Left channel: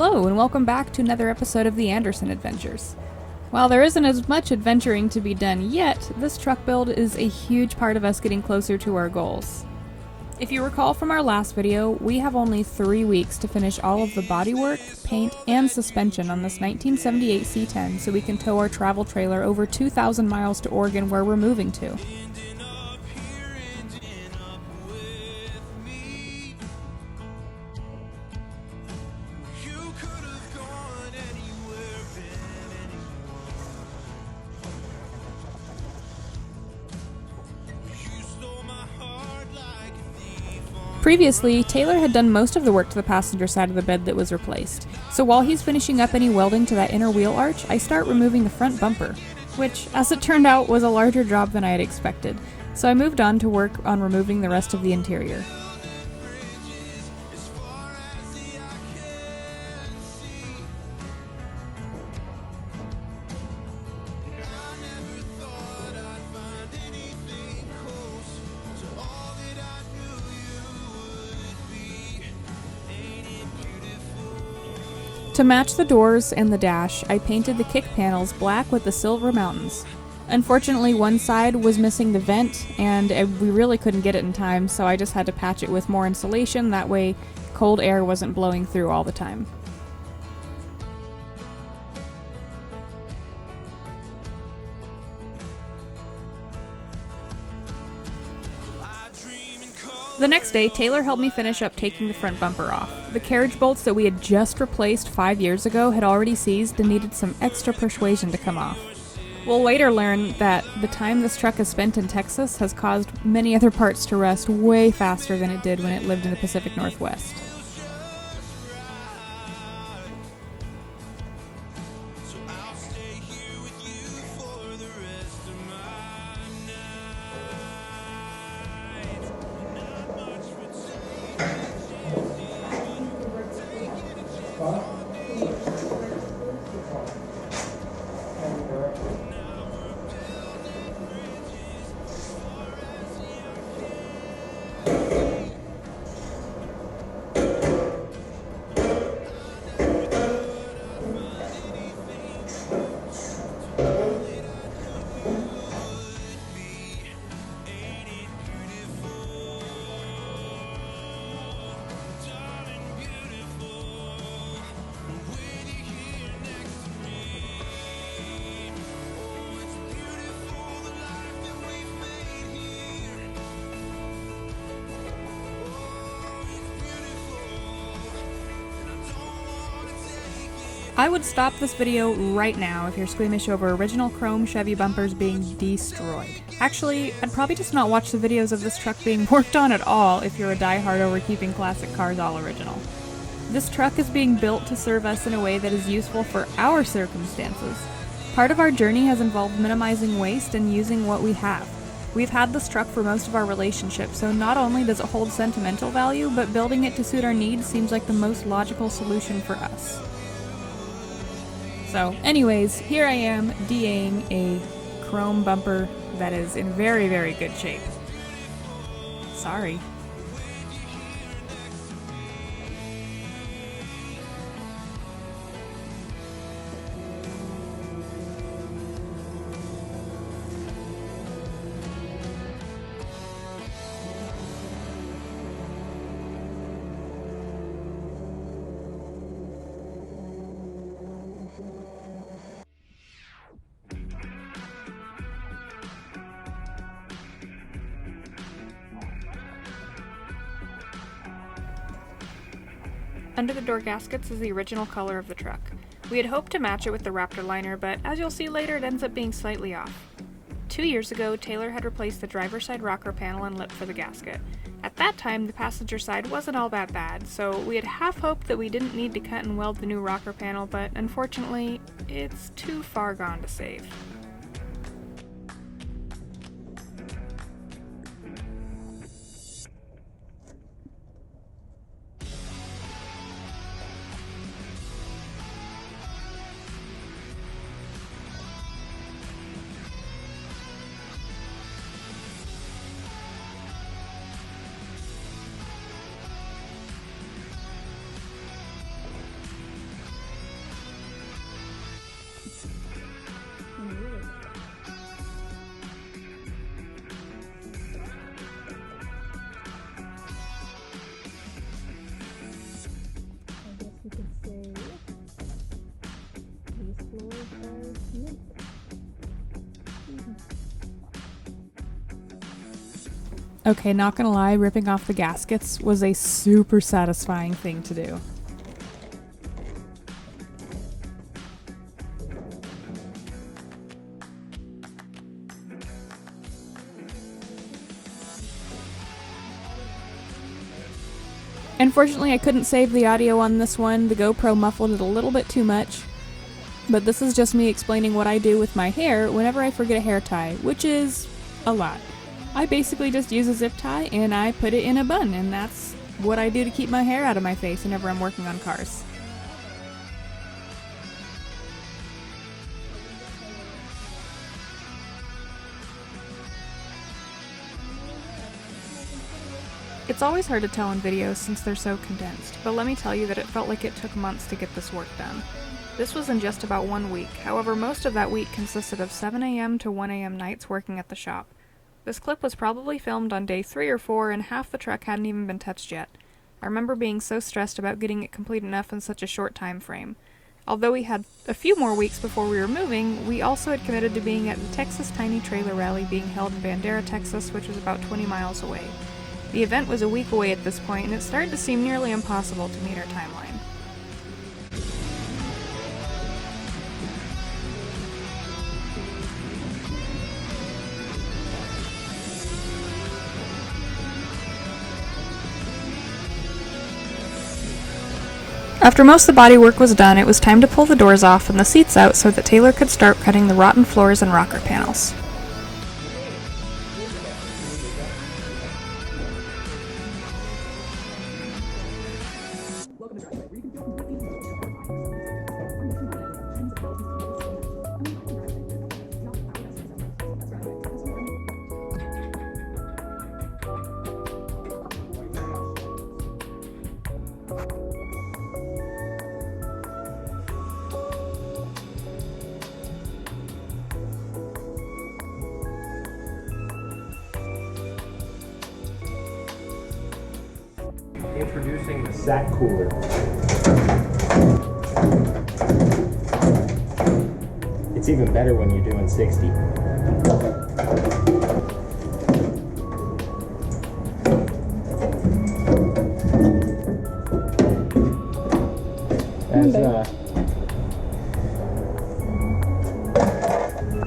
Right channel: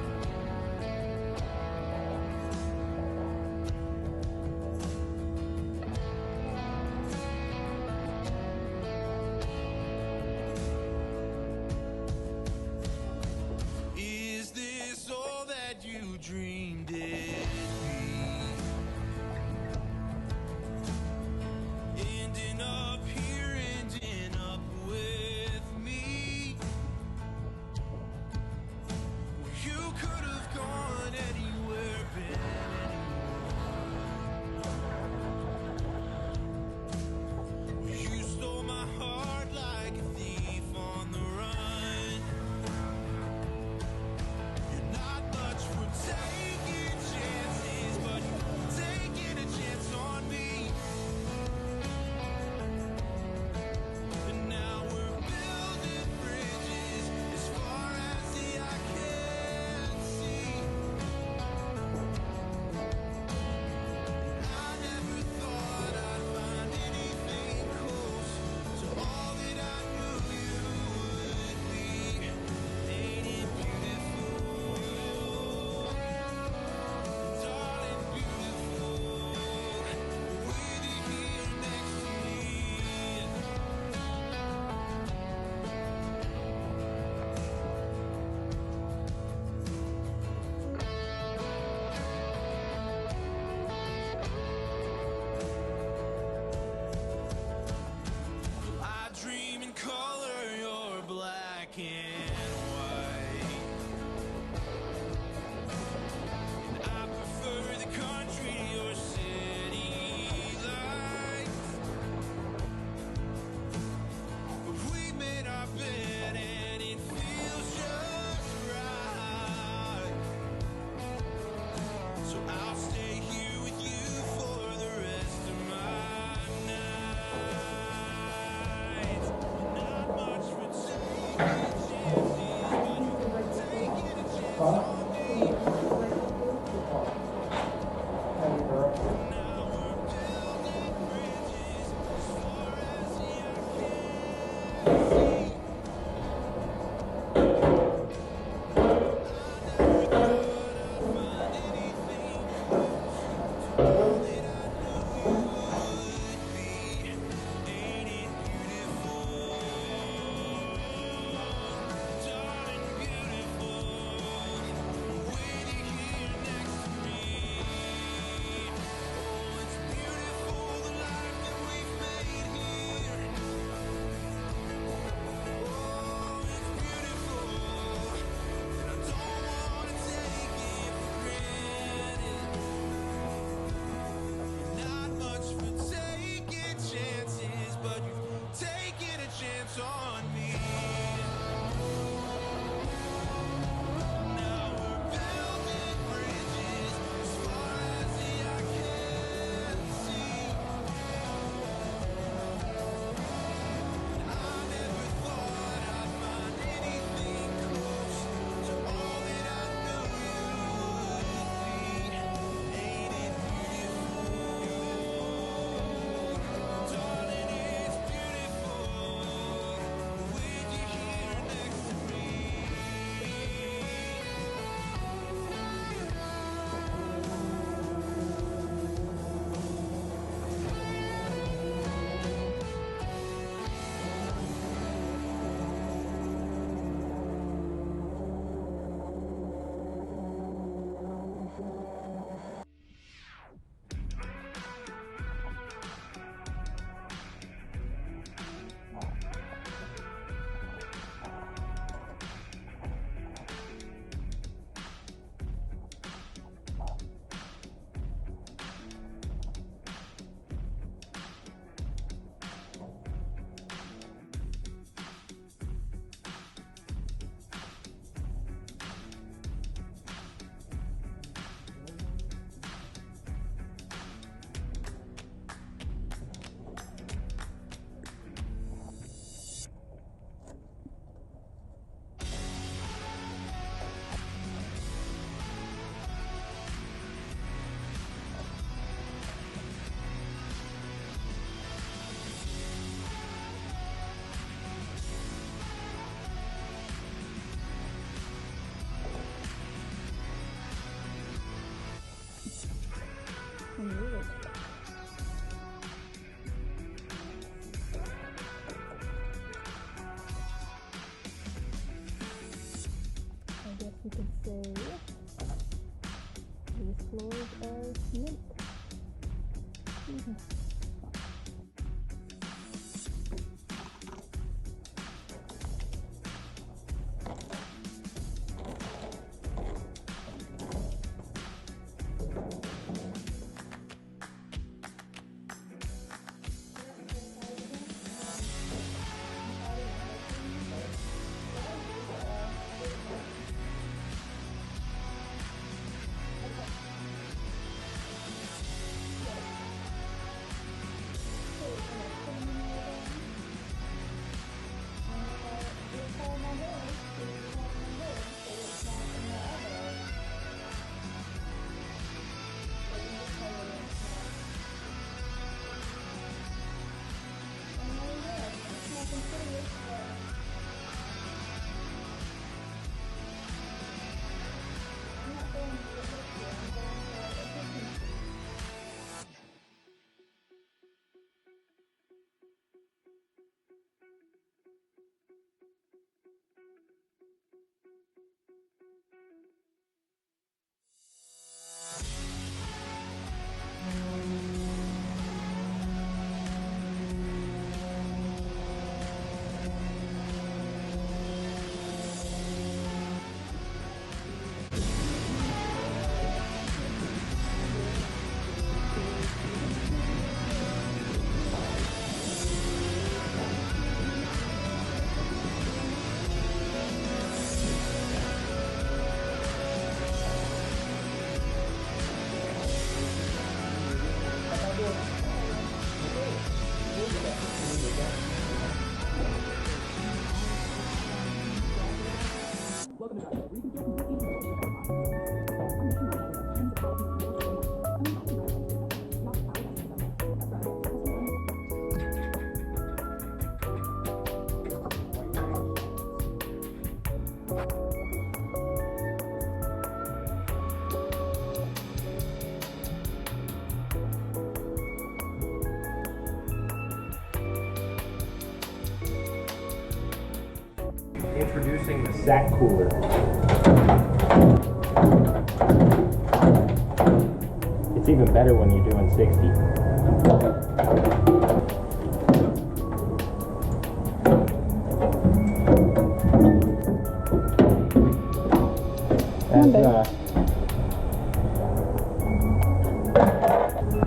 Hello, and welcome back to another episode of the Anderson Adventures. While there isn't as much adventuring to be done yet, this truck build is a huge part of us getting closer to our goals. If you recall from our last video, we have only 3 weeks to finish all of the bodywork, paint, and suspension on this 1978 C10 so we can tow our travel trailer over 2,000 miles to Oregon where we're moving to. Previously, Taylor had done most of the work to the passenger side of the bed that was replaced. So while he's finishing up any welding to that inner wheel arch, I start removing the front bumper, which, as it turned out, was a larger job than I had expected. So I moved on to work on removing the rest of the interior. To match the doors and the dash, I painted the kick panels black with the silver mountains. Unfortunately, one side was missing the vent, and we really couldn't get it in time, so I just had to patch it with more insulation, that way cold air wasn't blowing through all the time. The next day, Taylor helped me finish up taking the front bumper off. The carriage bolts that we had just replaced 5 years ago had already seized and needed some extra persuasion to come off. We'll later learn that the time this truck has spent in Texas has caused many other parts to rust way faster than it did when it lived in the Pacific Northwest. I would stop this video right now if you're squeamish over original chrome Chevy bumpers being destroyed. Actually, I'd probably just not watch the videos of this truck being worked on at all if you're a diehard over keeping classic cars all original. This truck is being built to serve us in a way that is useful for our circumstances. Part of our journey has involved minimizing waste and using what we have. We've had this truck for most of our relationship, so not only does it hold sentimental value, but building it to suit our needs seems like the most logical solution for us. So, anyways, here I am DAing a chrome bumper that is in very, very good shape. Sorry. Under the door gaskets is the original color of the truck. We had hoped to match it with the Raptor liner, but as you'll see later, it ends up being slightly off. 2 years ago, Taylor had replaced the driver's side rocker panel and lip for the gasket. At that time, the passenger side wasn't all that bad, so we had half hoped that we didn't need to cut and weld the new rocker panel, but unfortunately, it's too far gone to save. Okay, not gonna lie, ripping off the gaskets was a super satisfying thing to do. Unfortunately, I couldn't save the audio on this one. The GoPro muffled it a little bit too much. But this is just me explaining what I do with my hair whenever I forget a hair tie, which is a lot. I basically just use a zip tie and I put it in a bun, and that's what I do to keep my hair out of my face whenever I'm working on cars. It's always hard to tell in videos since they're so condensed, but let me tell you that it felt like it took months to get this work done. This was in just about 1 week, however most of that week consisted of 7 a.m. to 1 a.m. nights working at the shop. This clip was probably filmed on day 3 or 4 and half the truck hadn't even been touched yet. I remember being so stressed about getting it complete enough in such a short time frame. Although we had a few more weeks before we were moving, we also had committed to being at the Texas Tiny Trailer Rally being held in Bandera, Texas, which was about 20 miles away. The event was a week away at this point, and it started to seem nearly impossible to meet our timeline. After most of the bodywork was done, it was time to pull the doors off and the seats out so that Taylor could start cutting the rotten floors and rocker panels. Introducing the sack cooler. It's even better when you're doing 60.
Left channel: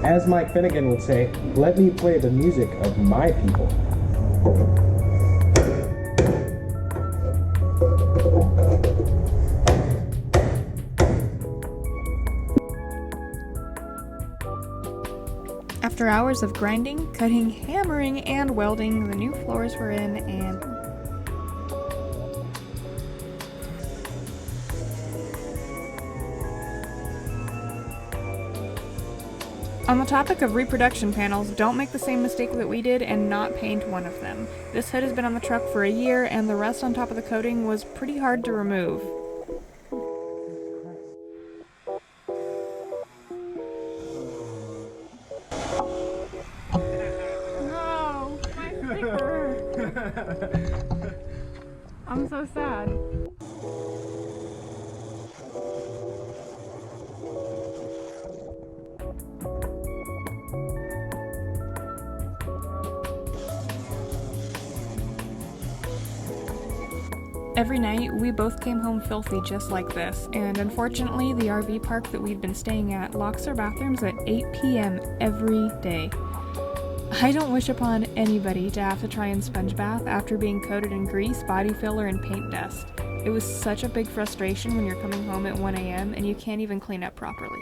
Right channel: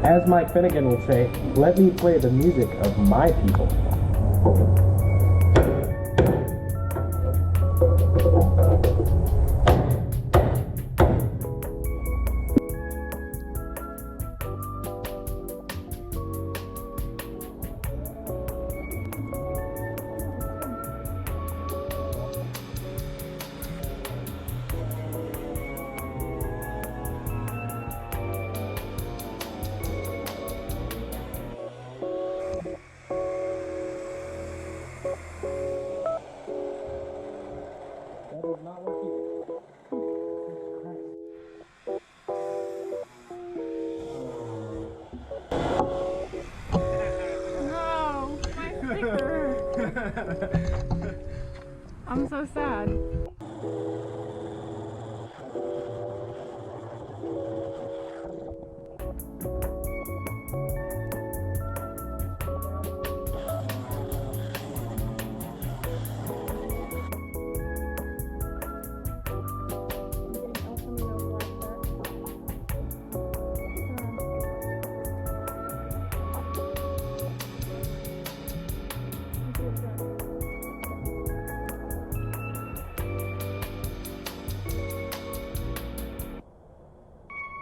As Mike Finnegan would say, let me play the music of my people. After hours of grinding, cutting, hammering, and welding, the new floors were in and... On the topic of reproduction panels, don't make the same mistake that we did and not paint one of them. This hood has been on the truck for a year, and the rust on top of the coating was pretty hard to remove. No! My sticker! I'm so sad. Every night, we both came home filthy just like this, and unfortunately, the RV park that we've been staying at locks their bathrooms at 8 p.m. every day. I don't wish upon anybody to have to try and sponge bath after being coated in grease, body filler, and paint dust. It was such a big frustration when you're coming home at 1 a.m. and you can't even clean up properly.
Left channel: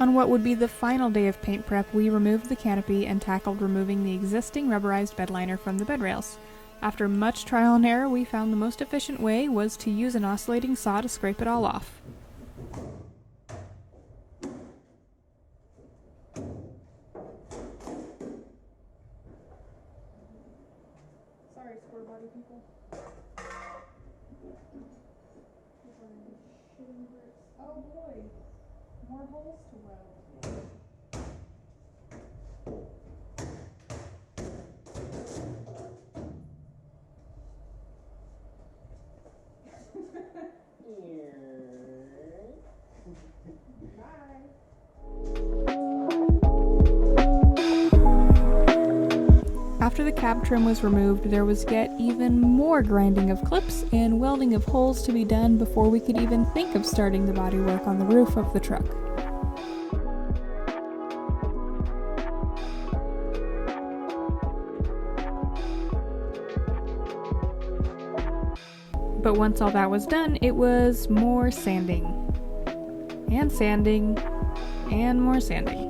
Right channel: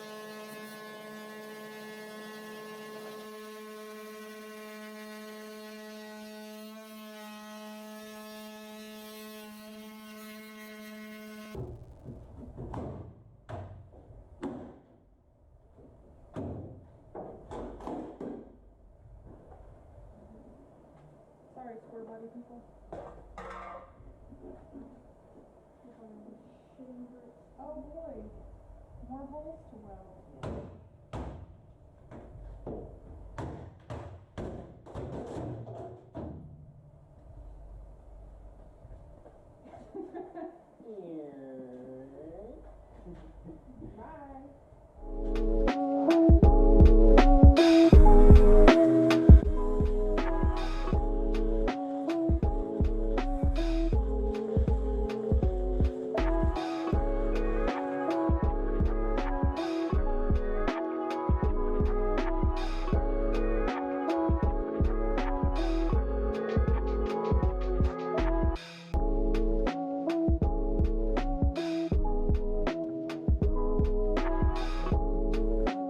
On what would be the final day of paint prep, we removed the canopy and tackled removing the existing rubberized bed liner from the bed rails. After much trial and error, we found the most efficient way was to use an oscillating saw to scrape it all off. Sorry, square body people. Oh boy, more holes to weld. trim was removed, there was yet even more grinding of clips and welding of holes to be done before we could even think of starting the bodywork on the roof of the truck. But once all that was done, it was more sanding. And sanding. And more sanding.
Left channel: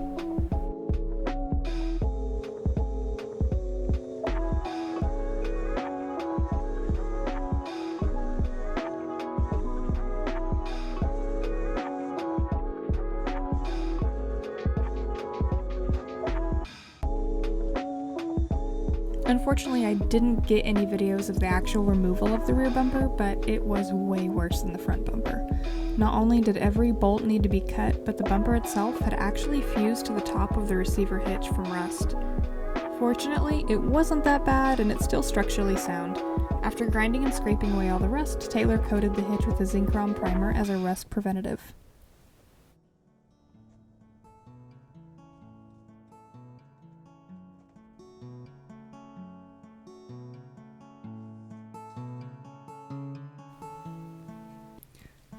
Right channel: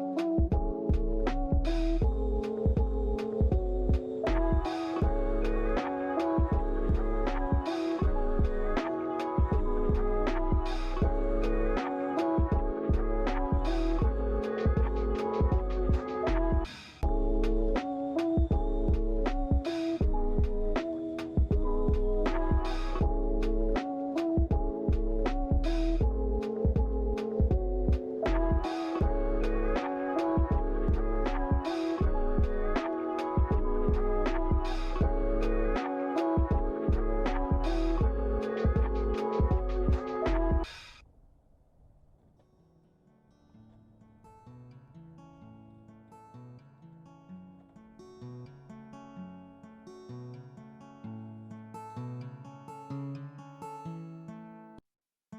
Unfortunately, I didn't get any videos of the actual removal of the rear bumper, but it was way worse than the front bumper. Not only did every bolt need to be cut, but the bumper itself had actually fused to the top of the receiver hitch from rust. Fortunately, it wasn't that bad and it's still structurally sound. After grinding and scraping away all the rust, Taylor coated the hitch with a Zinchron primer as a rust preventative.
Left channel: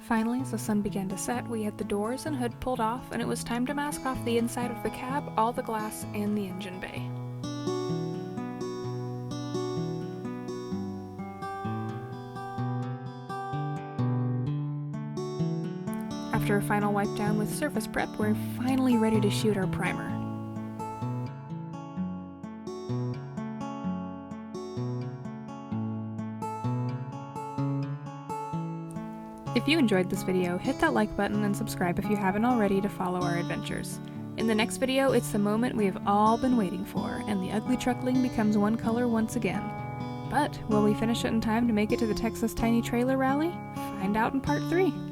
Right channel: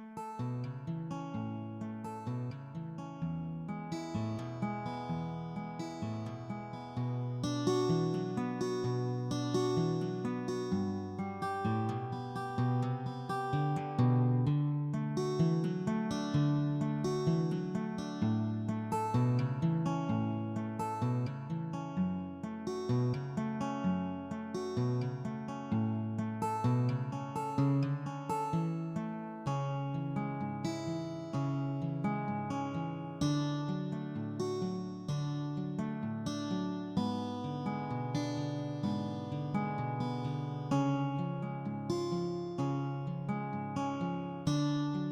Finally, as the sun began to set, we had the doors and hood pulled off, and it was time to mask off the inside of the cab, all the glass, and the engine bay. After a final wipe down with surface prep, we're finally ready to shoot our primer. If you enjoyed this video, hit that like button and subscribe if you haven't already to follow our adventures. In the next video, it's the moment we have all been waiting for, and the ugly truckling becomes one color once again. But will we finish it in time to make it to the Texas Tiny Trailer Rally? Find out in part 3.